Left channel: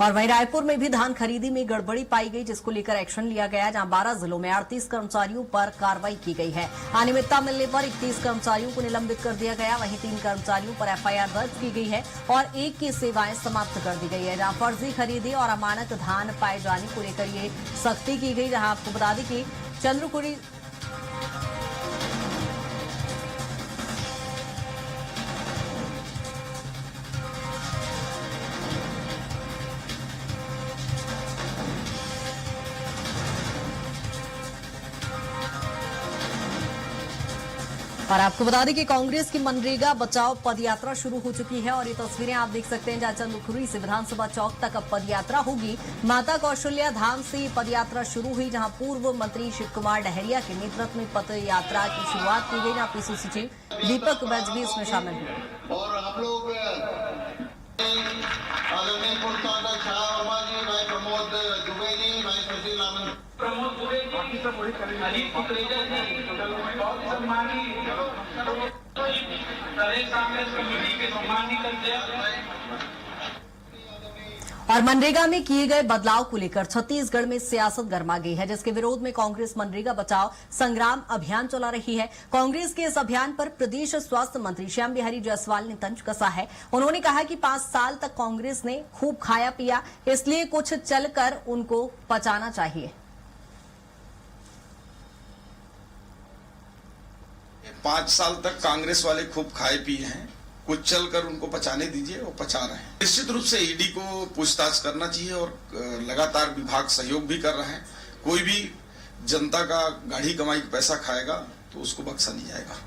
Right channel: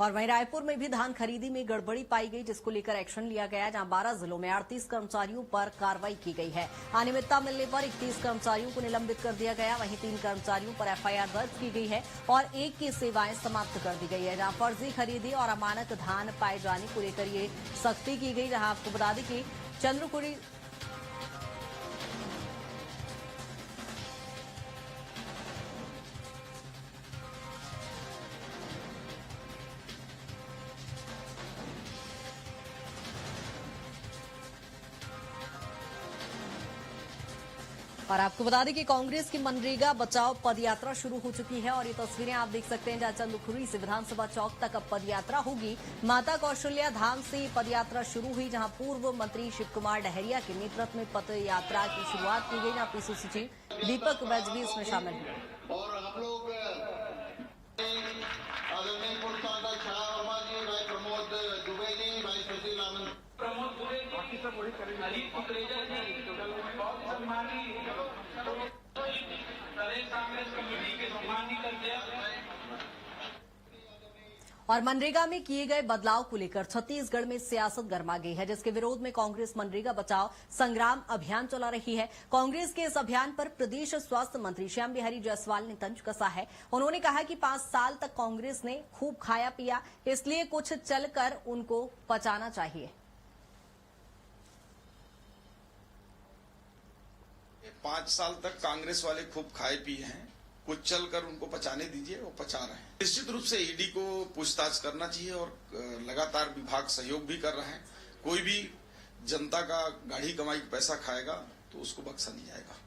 और वहीं रायपुर में भी धान खरीदी में गड़बड़ी पाई गई, जिसको लेकर एक्शन लिया गया, जहां 12 जिलों में 38 कर्मचारियों पर कार्रवाई की गई है। अनियमितता मिलने पर 31 कर्मचारियों को निलंबित कर दिया गया। वहीं 3 कर्मचारियों पर एफआईआर दर्ज की गई है और एक की सेवाएं समाप्त कर दी गई है। जहां फर्जी खरीदी और अमानक धान पाए जाने को लेकर ये सख्ती की गई। जहां आपको बता दें कि चंद्रकुड़ी और आपको बता दें कि कांग्रेस की मनरेगा बचाओ पदयात्रा शुरू हो चुकी है और ये तस्वीरें आप देख सकते हैं, जहां चंद्रखुरी से विधानसभा चौक तक अब पदयात्रा होगी। माता कौशल्या धाम से पदयात्रा शुरू हुई, जहां पूर्व मंत्री शिव कुमार डहरिया के नेतृत्व में पदयात्रा की शुरुआत की गई। जहां पीसी सचिव दीपक बैज भी इसमें शामिल हुए। और हम लोग आदरणीय पुरस्कार छड़ा वर्मा जी, भाई प्रमोद दुबे जी, भाई सुशील आनंद, प्रमोद दुबे जी, अलीप कुकरेजा जी, बहुत सम्मानी प्रदेश कांग्रेस कमेटी के सम्मानित अध्यक्ष। और मनरेगा में किए गए बदलाव को लेकर छत्तीसगढ़ में सियासत गर्मा गई है, जिसके विरोध में कांग्रेस मनरेगा बचाओ संग्राम अभियान चला रही है। कांग्रेस के इस अभियान पर प्रदेश स्वास्थ्य मंत्री श्याम बिहारी जायसवाल ने तंज कसा है। उन्होंने कहा कि 5 साल तक कांग्रेस ने खूब खाया पिया, इसलिए कुछ चलकर उनको पचाना चाहिए। 5 साल तक कांग्रेस वाले खूब खाए पिए हैं, कुछ चलकर उनको पचाने दीजिए, वो पचा रहे हैं। निश्चित रूप से ईडी को पूछताछ करना चाहिए और लगातार विभाग सहयोग भी कर रहा है। कोई भी जनता का गाढ़ी कमाई का पैसा खाएगा तो उसको बख्शा नहीं जाएगा।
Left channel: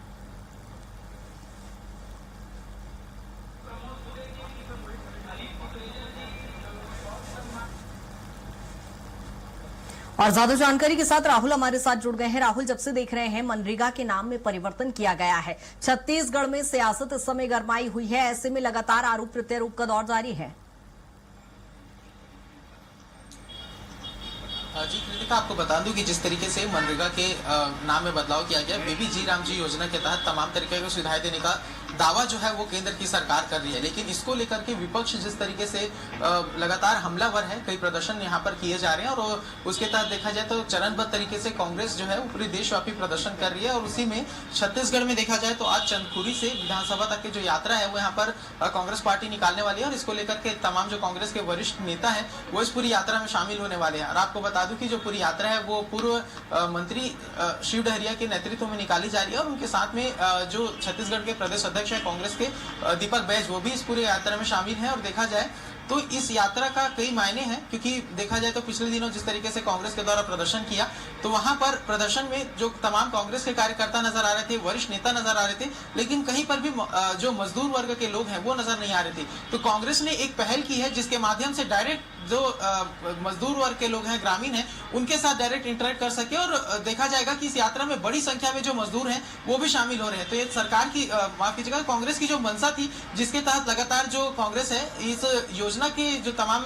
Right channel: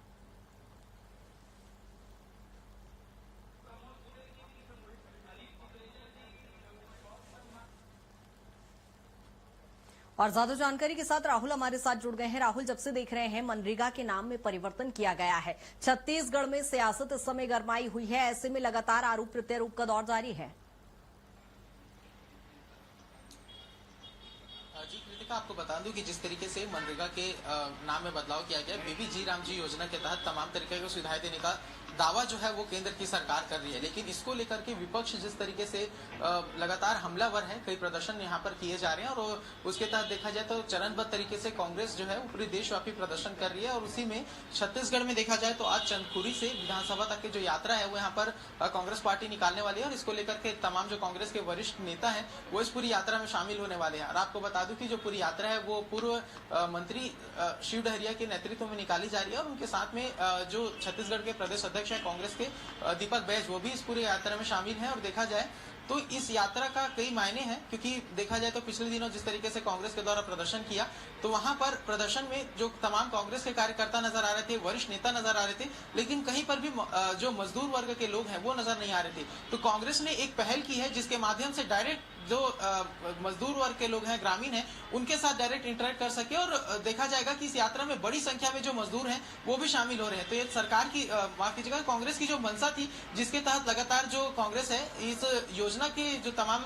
और ज्यादा जानकारी के साथ राहुल हमारे साथ जुड़ गए हैं। राहुल, जब से देख रहे हैं मनरेगा के नाम में परिवर्तन किया गया है, छत्तीसगढ़ में सियासत इस समय गरमाई हुई है, ऐसे में लगातार आरोप प्रत्यारोप का दौर जारी है। जी कृतिका, आपको बता दूं कि जिस तरीके से मनरेगा के नाम में बदलाव किया गया, बेबी जी राम जी योजना के तहत तमाम तरीके की सुविधाएं देने का दावा जो है वो केंद्र की सरकार कर रही है, लेकिन इसको लेकर के विपक्ष जिस तरीके से लगातार हमलावर है, कई प्रदर्शन यहाँ पर किए जा रहे हैं और उसके तहत देखा जाए तो चरणबद्ध तरीके से कांग्रेस जो है वो पूरे देशव्यापी प्रदर्शन कर रही है। और उसी में छत्तीसगढ़ में देखा जाए तो आज चंदखुरी से विधानसभा तक की जो यात्रा है वो यहाँ पर कांग्रेस पार्टी निकालने वाली है और इसको लेकर के तमाम जो कांग्रेस के वरिष्ठ नेता है वो इस पूरी यात्रा में शामिल होने वाले हैं। और आपको बता दूं कि जो पूरी यात्रा है वो पूर्व मंत्री शिव डहरिया के नेतृत्व में निकाली जा रही है और उनके साथ में जो छत्तीसगढ़ के प्रदेश अध्यक्ष है कांग्रेस के दीपक बैज, वो भी इस पूरी यात्रा में शामिल हैं। और देखा जाए तो इस यात्रा का कई मायने हैं, क्योंकि देखा जाए तो पिछले दिनों जिस तरीके से कांग्रेस के द्वारा प्रदर्शन किया तो वहां पर प्रदर्शन में जो तमाम कांग्रेस के कार्यकर्ता नजर आ रहे थे, वरिष्ठ नेता नजर आ रहे थे, लेकिन कहीं पर भी जो मजदूर वर्ग के लोग हैं वो नजर नहीं आ रहे थे। तो कांग्रेस ने एक पहल की है जिसके माध्यम से डायरेक्ट जो मजदूर वर्ग के लोग हैं, ग्रामीण हैं, उनके साथ डायरेक्ट इंटरेक्ट कर सके। और देखा जाएगा कि इस यात्रा में बड़ी संख्या में जो मजदूर हैं वो भी शामिल हो रहे हैं। तो ये सरकार की माफ कीजिएगा, कांग्रेस की जो मंशा थी, जिसके तहत लगातार जो कांग्रेस है इस योजना के जो तमाम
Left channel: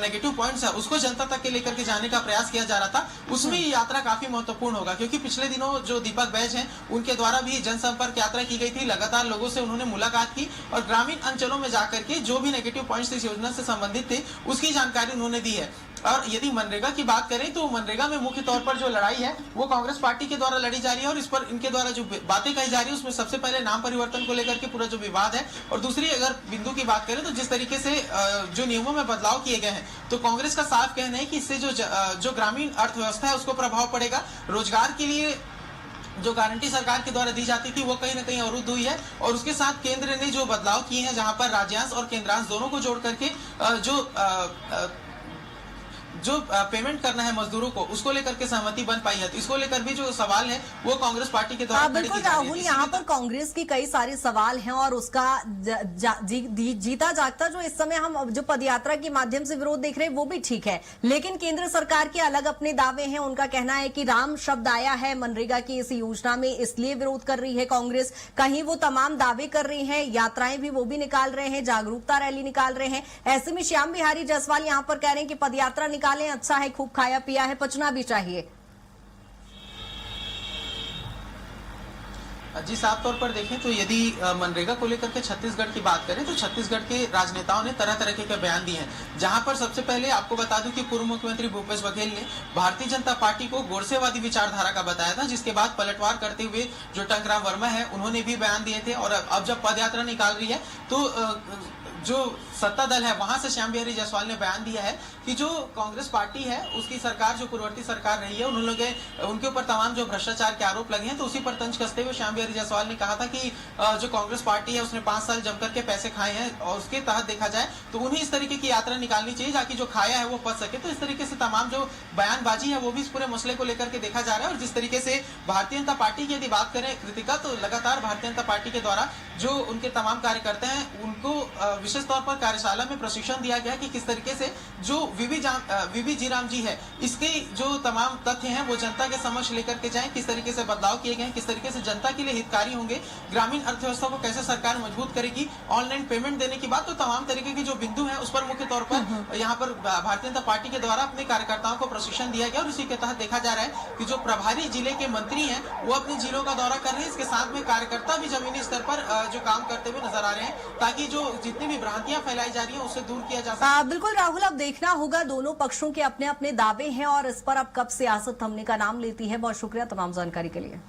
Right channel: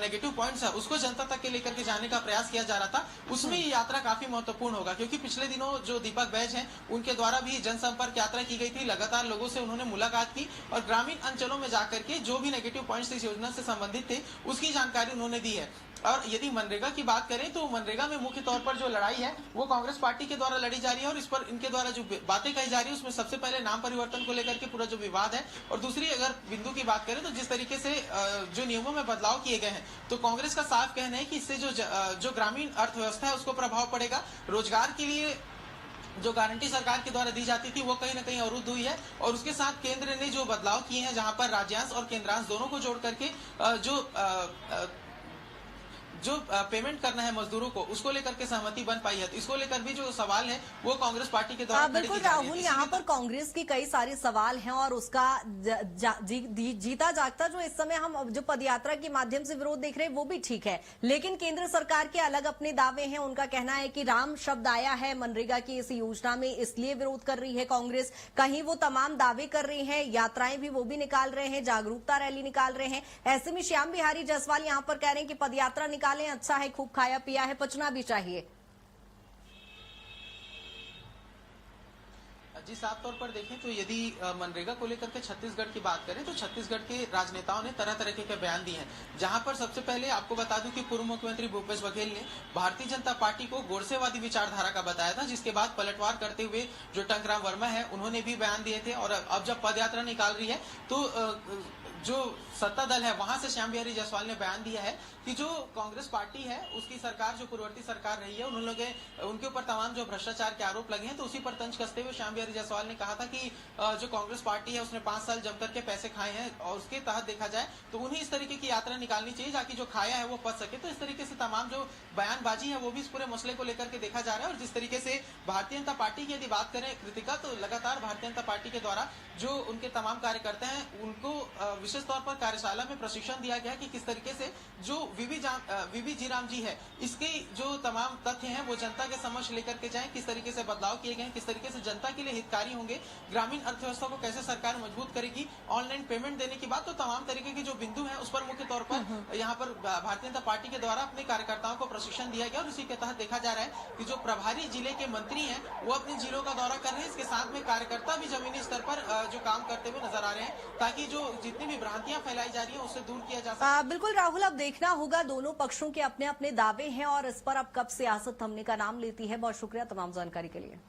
नेगेटिव पॉइंट्स है उसको जनता तक के लेकर के जाने का प्रयास किया जा रहा था, उसमें ये यात्रा काफी महत्वपूर्ण होगा। क्योंकि पिछले दिनों जो दीपक बैज हैं उनके द्वारा भी जनसंपर्क यात्रा की गई थी, लगातार लोगों से उन्होंने मुलाकात की और ग्रामीण अंचलों में जाकर के जो भी नेगेटिव पॉइंट्स इस योजना से संबंधित थे उसकी जानकारी उन्होंने दी है। और यदि मनरेगा की बात करें तो मनरेगा में मुख्य तौर पर जो लड़ाई है वो कांग्रेस पार्टी के द्वारा लड़ी जा रही है और इस पर इनके द्वारा जो बातें कही जा रही है उसमें सबसे पहले नाम परिवर्तन को लेकर के पूरा जो विवाद है, और दूसरी अगर बिंदु की बात करें तो जिस तरीके से जो नियमों में बदलाव किए गए हैं, तो कांग्रेस का साफ कहना है कि इससे जो ग्रामीण अर्थव्यवस्था है उसको प्रभाव पड़ेगा। रोजगार के लिए जो गारंटी सरकार के द्वारा दी जाती थी वो कहीं ना कहीं अवरुद्ध हुई है और उसके साथ केंद्र ने जो बदलाव किए हैं, जहां पर राज्यांश और केंद्रांश दोनों को जोड़ करके जो पेमेंट करना है मजदूरों को, उसको लेकर के सहमति बन पाई है। तो इसको लेकर भी जो सवाल है वो कांग्रेस पार्टी के द्वारा बिल्कुल राहुल, यहाँ पर कांग्रेस के कई सारे सवाल हैं और उसका जीता जागता जो इस समय हम जो पदयात्रा के माध्यम से विरोध देख रहे हैं वो भी ठीक है, लेकिन केंद्र सरकार के अलग अपने दावे हैं। उनका कहना है कि राम शब्द आया है मनरेगा की इस योजना में, इसलिए विरोध कर रही है कांग्रेस। कहीं वो तमाम दावे कर रही है, यात्राएं भी वो भी निकाल रहे हैं, जागरूकता रैली निकाल रहे हैं। ऐसे में श्याम बिहारी जायसवाल यहाँ पर कह रहे हैं कि पदयात्रा निकालें, अच्छा है, खूब खाया पिया है, पचना भी चाहिए। जी, साफ तौर पर देखें तो यदि मनरेगा को लेकर के छत्तीसगढ़ की बात करें तो छत्तीसगढ़ के राजनेताओं ने तरह तरह के बयान दिए हैं। जहां पर सबसे पहले आपको बता दूं कि पूर्व मुख्यमंत्री भूपेश बघेल ने भारतीय जनता पार्टी को गोडसेवादी विचारधारा का बताया था, जिसके बाद पलटवार करते हुए जो टंकराम वर्मा है उन्होंने भी बयान दिए थे। और अब जब पद यात्रा निकाल रही है तो जो सत्ता दल है वहां से श्याम बिहारी जायसवाल ने बयान दिया है कि जो कांग्रेस पार्टी है उसकी सरकार जो पूर्ववर्ती सरकार रही है उनके ऊपर तमाम जो भ्रष्टाचार के आरोप लगे हैं, तो उसी पर तंज कसते हुए श्याम बिहारी जायसवाल ने कहा था कि जो कांग्रेस पार्टी है उसने 5 साल जमकर के पैसे खाए हैं और उसके तहत देखा जाए तो उन्हें इस तरीके की यात्रा निकालनी चाहिए ताकि जो खाया है वो पच सके। तो इस तरीके से तमाम जो बयानबाजी है वो भी इस पूरे मसले को लेकर के देखा जा रहा है। और जिस तरीके से भारतीय जनता पार्टी की यदि बात करें कृतिका, तो लगातार भारतीय जनता पार्टी के द्वारा जो उनके तमाम कार्यकर्ता हैं उनको विशेष तौर पर कार्यशाला में प्रशिक्षण दिया गया कि किस तरीके से जो वीबी जीराम जी है इसके जो तमाम तथ्य हैं वो जनता के समक्ष लेकर के जाएं, किस तरीके से बदलाव किए गए, किस तरीके से जनता के लिए हितकारी होंगे, ग्रामीण अर्थव्यवस्था को कैसे सरकार मजबूत करेगी, ऑनलाइन पेमेंट देने की बात, तो तमाम तरीके के जो बिंदु है उस पर मुख्य तौर पर यहाँ पर भारतीय जनता पार्टी के द्वारा अपने कार्यकर्ताओं को प्रशिक्षण दिया गया। और इसी के तहत देखा जा रहा है कि जो प्रभारी जिले के मंत्री हैं वो अपने जिलों का दौरा कर रहे हैं, इसके साथ में कार्यकर्ता भी जमीनी स्तर पर जो काम करते हुए नजर आ रहे हैं ताकि जो जितनी भी भ्रांतियां फैलाई जा रही है उससे दूर किया जा सके। बिल्कुल राहुल, अब देखना होगा, दोनों पक्षों के अपने अपने दावे हैं और इस पर अब कब सियासत थमने का नाम लेती है। बहुत शुक्रिया तमाम जानकारी के लिए।